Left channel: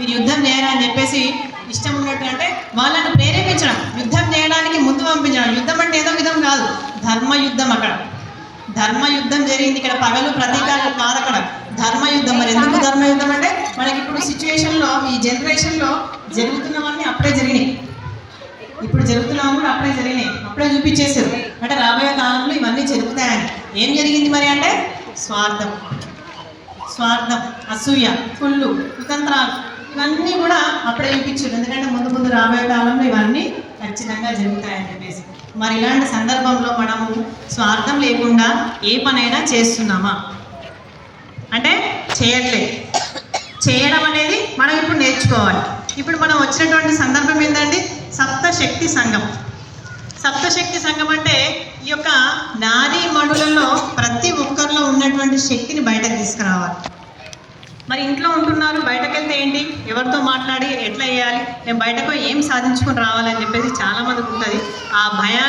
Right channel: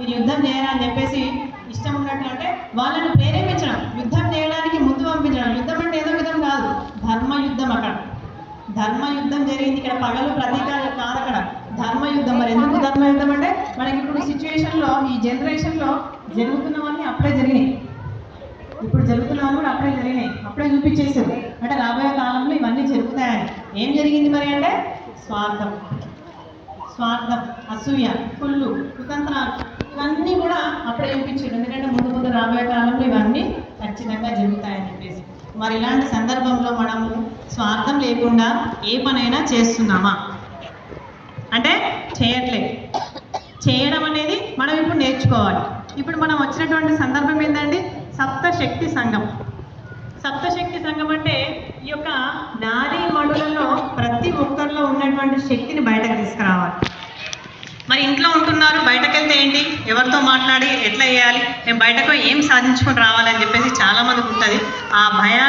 మీరు యుద్ధం చేయాలని చెప్పేసి ఇష్టం ఉన్నట్టు అంటే వాళ్ళని ప్రేరేపించడం, యుద్ధం చేయడానికి ముందు పంపించడం. యుద్ధం అంటే ఏదో విధం కాదు, ధర్మయుద్ధం. అక్కడ ధర్మయుద్ధం జరిగింది. ఇక్కడ పగలు ప్రతీకారాలు కాదు, అక్కడ ధర్మయుద్ధం. మరి ఎందుకు ధర్మయుద్ధం అంటే మనకి ఇప్పుడు సిచ్యువేషన్లో, ఈ జనరేషన్లో జరుగుతున్నవన్నీ అప్పుడే జరిగినాయి. ఇప్పుడు జరుగుతున్నవన్నీ కూడా అప్పుడే జరిగినాయి, అప్పుడే చూపించేసారు. అంటే రాబోయే కాలంలో ఇవన్నీ జరుగుతాయని. ఏం జరిగింది మరి అంటే స్వార్థం, అసూయ, కుళ్ళు, కుతంత్రాలు, ఇవన్నీ కూడా అప్పుడే చూపించారు. ఎందుకంటే ముందు రాబోయే కాలంలో ఇవన్నీ ఖచ్చితంగా జరుగుతాయని చెప్పేసి. మరి ఇలాంటి సందర్భంలో మనము స్వార్థం లేకుండా ఏ పనైనా చేస్తున్నామా అంటే చేయట్లేదు. చేయడం అనేది మనం ఇప్పుడు నేర్చుకోవాలి. ఇప్పుడు మనం వచ్చినటువంటి సందర్భం ఏంటండి, సప్తశక్తి సంఘం. సప్తశక్తి సంఘం అంటే ఈ యొక్క నారీ మడులలో ప్రతి ఒక్కరిలో ఉన్నటువంటి శక్తిని బయటకు తీసుకురావాలి. మరి ఇంట్లో ఉంటున్నారు, బయటకు వెళ్తే ఏంటి, ఎవరితో మాట్లాడి ఎట్లా చేయాలి, నేను బయటకు ఏం సాధించుకొని రావాలని చెప్పేసి చాలామందికి ఉంటుంది. ఆ భయాల